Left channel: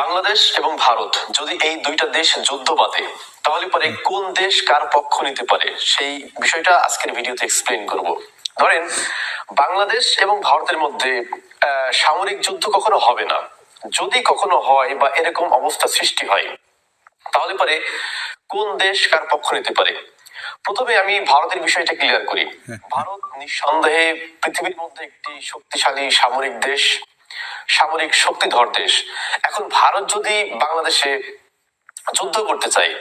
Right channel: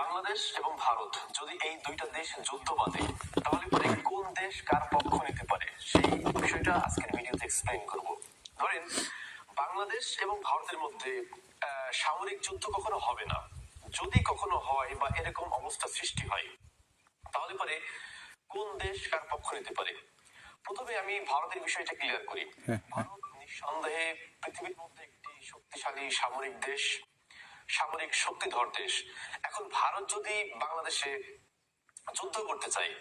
বাংলাদেশ এবং ভারত যদি এই দুইটা দেশ যুদ্ধ বাঁধে তাহলে পরে কোন দেশ কার পক্ষ নিতে পারে সেই বিষয়টা আজকের ভিডিওতে এক্সপ্লেন করব। ধরেন বাংলাদেশ এবং ভারতের মধ্যে সামরিক যুদ্ধ কখনো হবে না। যদি কখনো হয় বা এরকম অবস্থা সৃষ্টি হয় তাহলে পরে কোন দেশ কার পক্ষ নিতে পারে? প্রথমে আমি ভারতের বিষয়টা ক্লিয়ার করি। ভারত নিঃসন্দেহে পৃথিবীর মধ্যে একটি শক্তিশালী সামরিক দেশ। সামরিক শক্তিধর দেশ। এখন ভারত যদি বাংলাদেশে যুদ্ধ করতে চায়,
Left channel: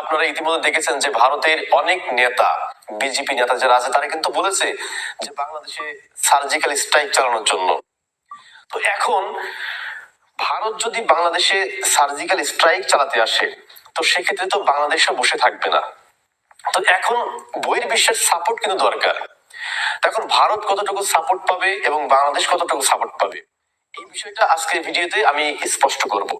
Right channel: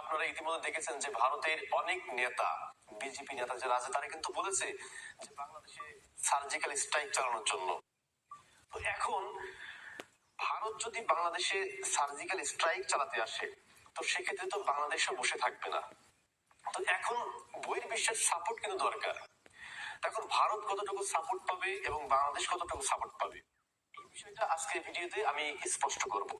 আপনারা ইতিমধ্যে দেখেছেন যে ভারতের অনেক নেতা, বিজেপি নেতা যারা আছে, তারা কিন্তু বলেছে যে বাংলাদেশে সার্জিক্যাল স্ট্রাইক চালানোর জন্য। তো এখন ভারত যদি বাংলাদেশে সার্জিক্যাল স্ট্রাইক চালাতে আসে, তো সেক্ষেত্রে তো বাংলাদেশও বসে থাকবে না। তো এখন বহির্বিশ্বের সাপোর্ট কিন্তু দরকার। এখন ভারত কতটুকু সাপোর্ট পাবে এবং বাংলাদেশ কতটুকু সাপোর্ট পাবে? এই বিষয়টা আজকের ভিডিওতে আমি স্পষ্ট করব।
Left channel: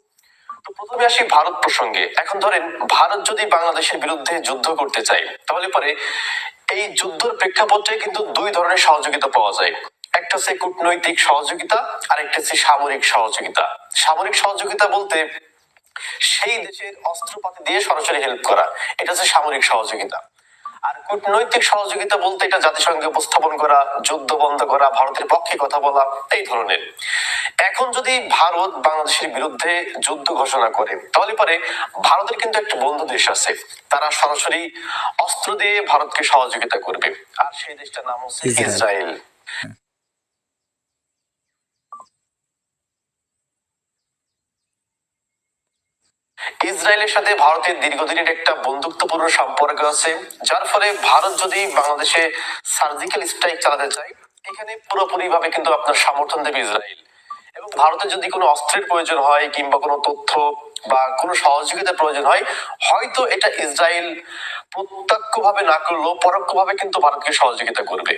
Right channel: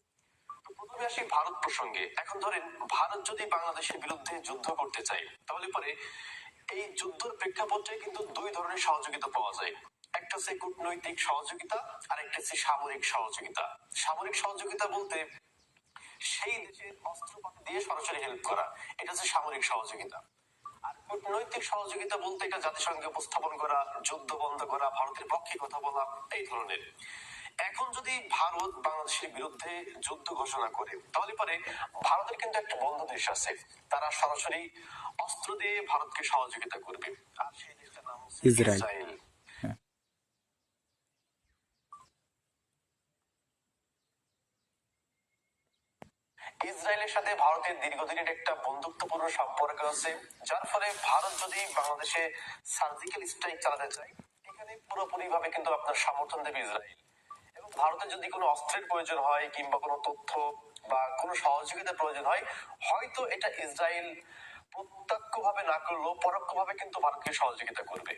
তো প্রথমে আসি ভারত প্রসঙ্গে। এখন ধরেন, ভারত যদি বাংলাদেশের বিরুদ্ধে যুদ্ধ করতে চায়, তাহলে পরে এই যুদ্ধের প্রেক্ষাপটে কিন্তু দুই ধরনের সহযোগিতা পাওয়া যায়। একটা হচ্ছে কূটনৈতিক সহযোগিতা, আর একটা হচ্ছে সামরিক সহযোগিতা। সামরিক সহযোগিতা বলতে সেই দেশের অস্ত্রপাতি দিয়ে সরাসরি হেল্প করা। এটা হচ্ছে সামরিক সহযোগিতা। কূটনৈতিক সহযোগিতা বলতে এটা জাতিসংঘে উপস্থাপন করা যুদ্ধ বন্ধ করা ভারতের পক্ষে কথা বলা এই ধরনের। এখন যদি ভারত বাংলাদেশের বিরুদ্ধে যুদ্ধ ঘোষণা করে তাহলে পরে ভারতের কিন্তু একটা বন্ধু দেশ আছে। তারা সরাসরি অস্ত্র দিয়ে ভারতকে সহযোগিতা করবে। আর সেই দেশটার নাম হচ্ছে ইসরায়েল। ইসরায়েলের সাথে ভারতের দীর্ঘদিনের একটা বন্ধুত্বপূর্ণ সম্পর্ক আছে, যার ফলে ভারত যদি বাংলাদেশে সার্জিক্যাল স্ট্রাইক চালাতে চায়, এখানে পুরোপুরি ভাবে কিন্তু আপনার সমর্থন দেবে ইসরায়েল। এবং ভারতের যদি কোনো অস্ত্রের প্রয়োজন হয় কিংবা কোনো তথ্য বা কোনো সহযোগিতার প্রয়োজন হয়, হয়তো এটা ইসরায়েল প্রত্যক্ষভাবে না করলেও পরোক্ষভাবে কিন্তু ভারতকে সহযোগিতা করবে।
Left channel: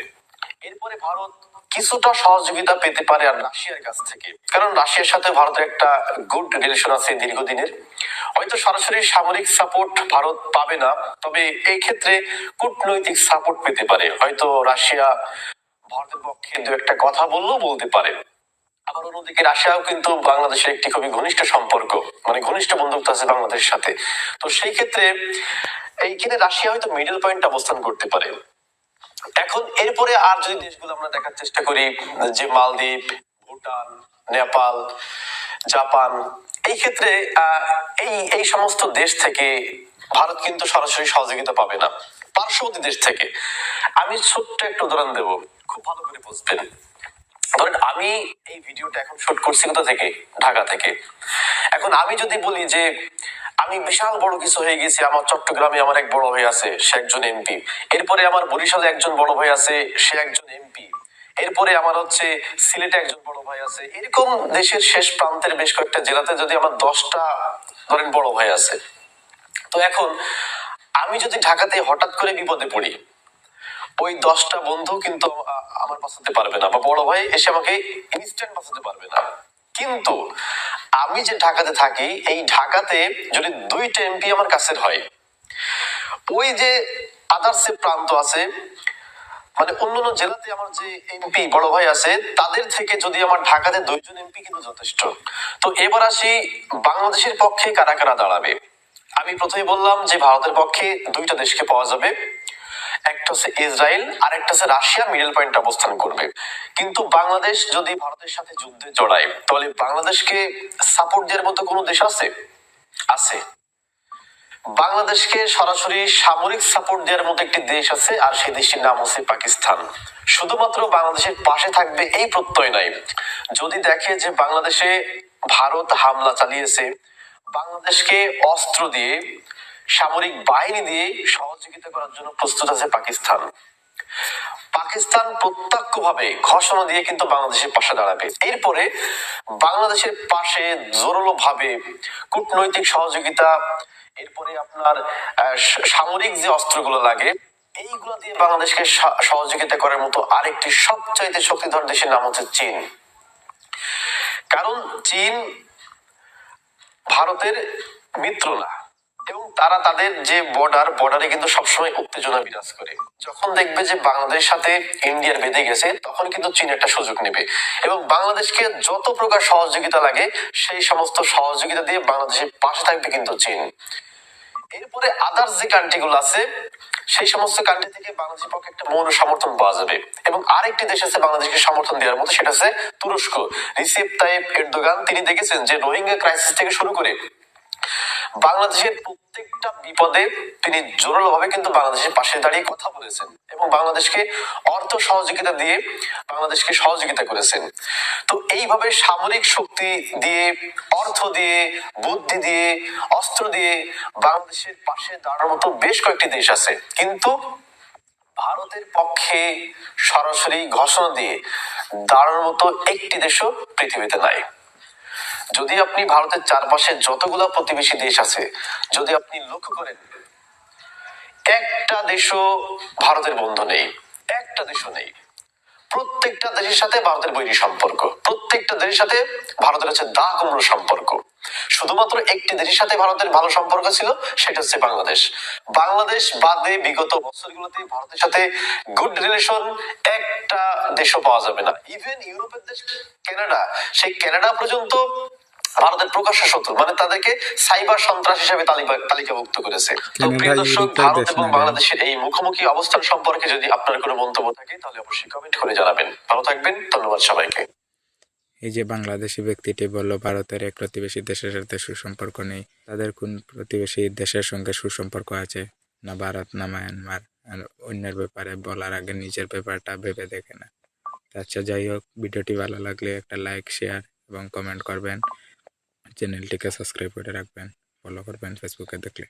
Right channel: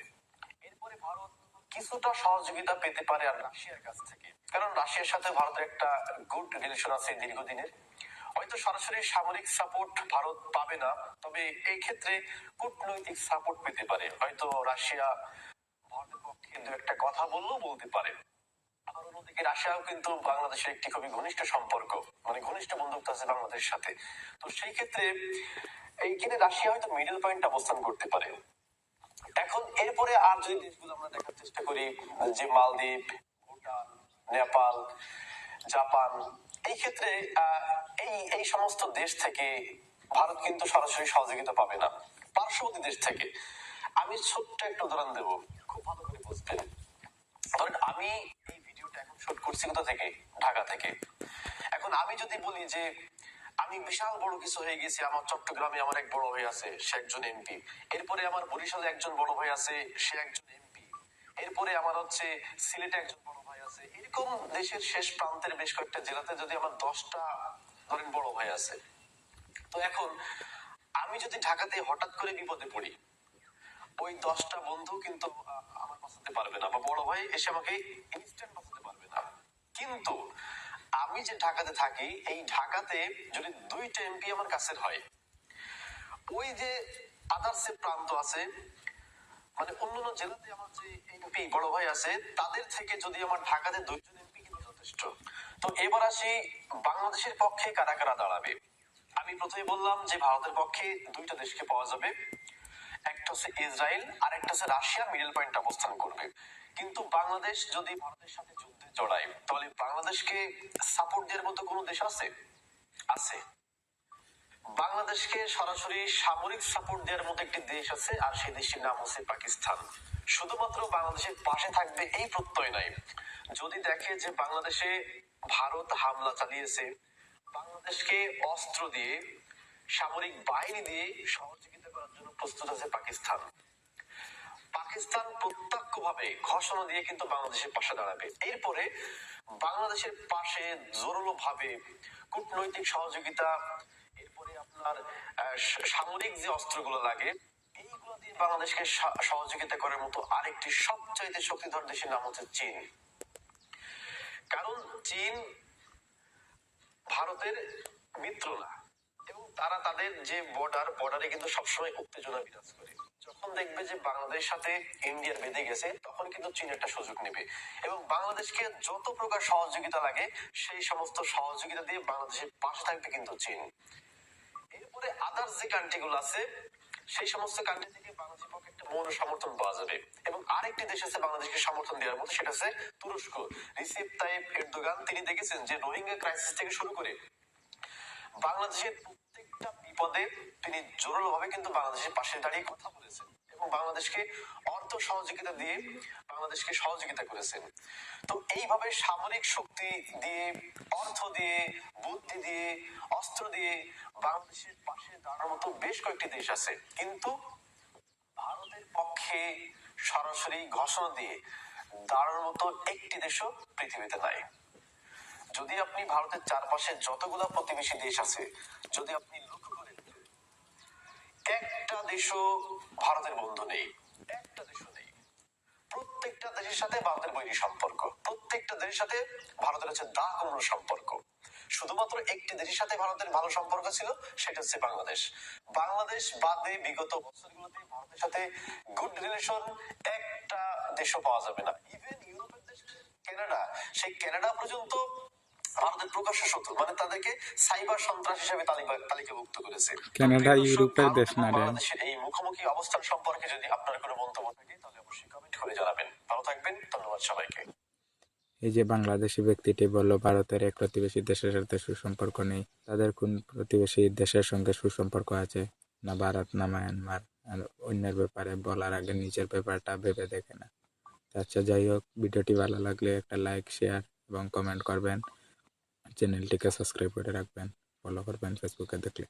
এরপরে ভারত কিছুটা সহযোগিতা পেতে পারে আর রাশিয়ার কাছ থেকে। কারণ রাশিয়ার সাথে ভারতের একটা গুড রিলেশন আছে দীর্ঘদিনের। হয়তো সরাসরি সামরিক সাপোর্ট ভারত পাবে না, তবে এই ক্ষেত্রে কূটনৈতিক সাপোর্ট পেতে পারে। হয়তো রাশিয়া ভারতের পক্ষে দু একটা কথা বললেও বলতে পারে। আবার অন্যদিকে রাশিয়াও কিন্তু বাংলাদেশের একটি খুবই ঘনিষ্ঠ সম্পর্ক মানে ঘনিষ্ঠ বন্ধুত্ব আছে বাংলাদেশের সাথে। তো সেই ক্ষেত্রে এইখানে রাশিয়া হয়তো মিডল পয়েন্ট অবস্থান করতে পারে। এখন এরপরে আর যদি দেশগুলো আমরা দেখার চেষ্টা করি, যে মালদ্বীপ, ভুটান, নেপাল, জাপান, এই ক্ষেত্রে এই এই সমস্ত দেশ থেকে ভারত কিন্তু সরাসরি সহযোগিতা পাবে না। পার্শ্ববর্তী দেশ থেকে। আমি ছোট্ট একটা উদাহরণ দেব। খুব ভালো করে বুঝবেন। ধরেন, আমি এই ভিডিওটা এখন শুট করছি কোথা থেকে? ঢাকা থেকে। এখন আমি যদি বলি যে আমি বিশাল বড় কিছু হয়ে গেছি। আমার চট্টগ্রামে আমার এক বড় ভাই আছে, সে একজন এমপি। এরপরে আমার বরিশালে একজন বড় ভাই আছে, সে একজন এমপি। এরপরে আমার হচ্ছে সিলেটে একজন বড় ভাই আছে। এরকম দেশের শেষ প্রান্তের বেশ কয়েকটা জেলাতে যদি আমার দশটা ধরেন বড় ভাই আছে। তো এখন আমি যদি ঢাকাতে হঠাৎ করে বিপদে পড়ি, ওই দশটা বন্ধু কিন্তু আমার বাঁচাতে পারবে না বা বড় ভাই এসে আমাকে ইনস্ট্যান্ট বাঁচাতে পারবে না। কিন্তু আমি যে ঢাকাতে থাকি, এই ঢাকাতে যদি দুইটা এমপি আমার কাছের হয়, ওই যে আদার্স প্রান্ত আছে মানে অন্যান্য জেলাতে আমার যে এমপি বড় ভাই আছে, তাদের থেকে যদি আমার ঢাকাতে দুইজন এমপি কিন্তু যথেষ্ট। তো এবার আসি বাংলাদেশের পক্ষে কারা কারা দাঁড়াবে। আমি প্রথমে বললাম যে ভারতের পক্ষে দুইটা দেশকে পাওয়া যাবে। একটা হচ্ছে ইসরায়েল আর একটা হচ্ছে মিডল অবস্থান করবে। কিন্তু বাংলাদেশ যদি ভারতের সাথে যুদ্ধে জড়ায়, তাহলে বাংলাদেশকে সাপোর্ট দেওয়ার মতো কোনো দেশ আছে? আছে। বাংলাদেশকে সরাসরি সামরিক সাপোর্ট দেওয়ার মতো একটি দেশ আছে, আর সেই দেশটির নাম হচ্ছে পাকিস্তান। শুধুমাত্র বাংলাদেশের পাশে থাকবে এই প্রত্যয় নাই। যদি দেখে যে বাংলাদেশে ভারত হামলা চালিয়েছে, বাংলাদেশকে অস্ত্র দিয়ে সামরিক বাহিনী দিয়ে সহযোগিতা করার জন্য প্রস্তুত আছে পাকিস্তান। পাকিস্তান প্রত্যক্ষভাবে ঘোষণা দিয়ে কিন্তু বাংলাদেশের পাশে দাঁড়াবে। এরপরে বাংলাদেশের পাশে জোরালো ভাবে কূটনৈতিক সহযোগিতা, এরপরে আপনার সামরিক যে অস্ত্রগুলো লাগে, এইগুলো দিয়ে বাংলাদেশকে সহযোগিতা করার মতো আরেকটি সবচাইতে শক্তিধর দেশের নাম হচ্ছে চীন। কারণ চীন ভারতের মিত্র না। এবং তারা তাদের যে বর্ডার বর্ডারে কিন্তু সবসময় উত্তেজনা বিরাজ করে। যখন দেখবে যে বাংলাদেশের সাথে ইন্ডিয়ার বেঁধে গেছে, তখন কিন্তু চীন একটা সুযোগ নেবে। এবং বাংলাদেশকে যত প্রকার সহযোগিতা লাগে, সেই সমস্ত সহযোগিতা দিয়ে বাংলাদেশের পাশে থাকবে কিন্তু চীন। এরপরে আদার্স যে কান্ট্রি গুলো আছে, সেই সমস্ত কান্ট্রি থেকে বাংলাদেশের পক্ষে একটা মৌন সমর্থন পাওয়া যাবে। এবং আরেকটি দেশ আছে বাংলাদেশকে সমর্থন দেওয়ার মতো, সেটা হচ্ছে তুরস্ক। রিসেপ তাইপ এরদোগান, তিনি দেখেছেন যে রোহিঙ্গা ক্রাইসিস থেকে শুরু করে বাংলাদেশের প্রত্যেকটা বিপদে তিনি জোরালোভাবে কিন্তু বাংলাদেশের পাশে দাঁড়িয়ে কথা বলেছেন এবং বাংলাদেশকে অর্থ সহযোগিতা দিয়ে বাংলাদেশকে সহযোগিতা করেছেন। তো এইভাবে সামরিক শক্তি দিয়ে, অর্থ দিয়ে, বুদ্ধি দিয়ে, অস্ত্র দিয়ে বাংলাদেশের পাশে দাঁড়ানোর মতো বেশ কয়েকটি দেশ আছে। কিন্তু ভারতের পক্ষে সরাসরি ঘোষণা দিয়ে দাঁড়ানোর মতো একটি দেশও পৃথিবীতে নাই। যদি আপনি ভারতের চারপাশে যতগুলো প্রতিবেশী দেশ আছে, যদি আপনি লক্ষ্য করেন, একটা দেশও ভারতের বন্ধু নেই, একটা দেশও নেই। প্রত্যেকটা দেশের সাথে ভারতের বৈরী সম্পর্ক, প্রত্যেকটা দেশের সাথে ভারতের হচ্ছে দা কুমড়ো সম্পর্ক। শুধুমাত্র একটি দেশের সাথে ভারতের ভালো সম্পর্ক ছিল, সেটা হচ্ছে বাংলাদেশ। বাংলাদেশ বাদে বিগত বছরগুলোতে ভারতের সাথে গুড রিলেশন একটা দেশও পাওয়া যাবে না। ইভেন ইউরোপের দেশ, কানাডা, সেই কানাডা পর্যন্ত ভারতের প্রকাশ্য শত্রু মানে তাদেরকে সাইবার সন্ত্রাস হিসেবে তালিকাভুক্ত করেছে। তো প্রিয় দর্শক ভারত এবং বাংলাদেশের এই মুখোমুখি অবস্থান সম্পর্কে যদি আপনার কোনো মন্তব্য থাকে তাহলে অবশ্যই কমেন্ট করে জানাবেন। ভালো থাকবেন ধন্যবাদ সবাইকে। এই যে বাংলাদেশি ব্যক্তিটি বলল ভারতের এক প্রতিবেশী দেশের সাথে সুসম্পর্ক নেই। তাদের কোন প্রতিবেশী দেশের সঙ্গে সুসম্পর্ক আছে? না ভারত না মায়ানমার। আর অন্যের ব্যাপারে বলার আগে নিজের ব্যাপারটা ভেবে দেখে না। আচ্ছা যাই হোক ভিডিওটি ভালো লাগলে একটা লাইক শেয়ার এবং কমেন্ট করবেন। চ্যানেলটিকে সাবস্ক্রাইব করে রাখবেন ফলো করবেন ফেসবুকে দেখলে।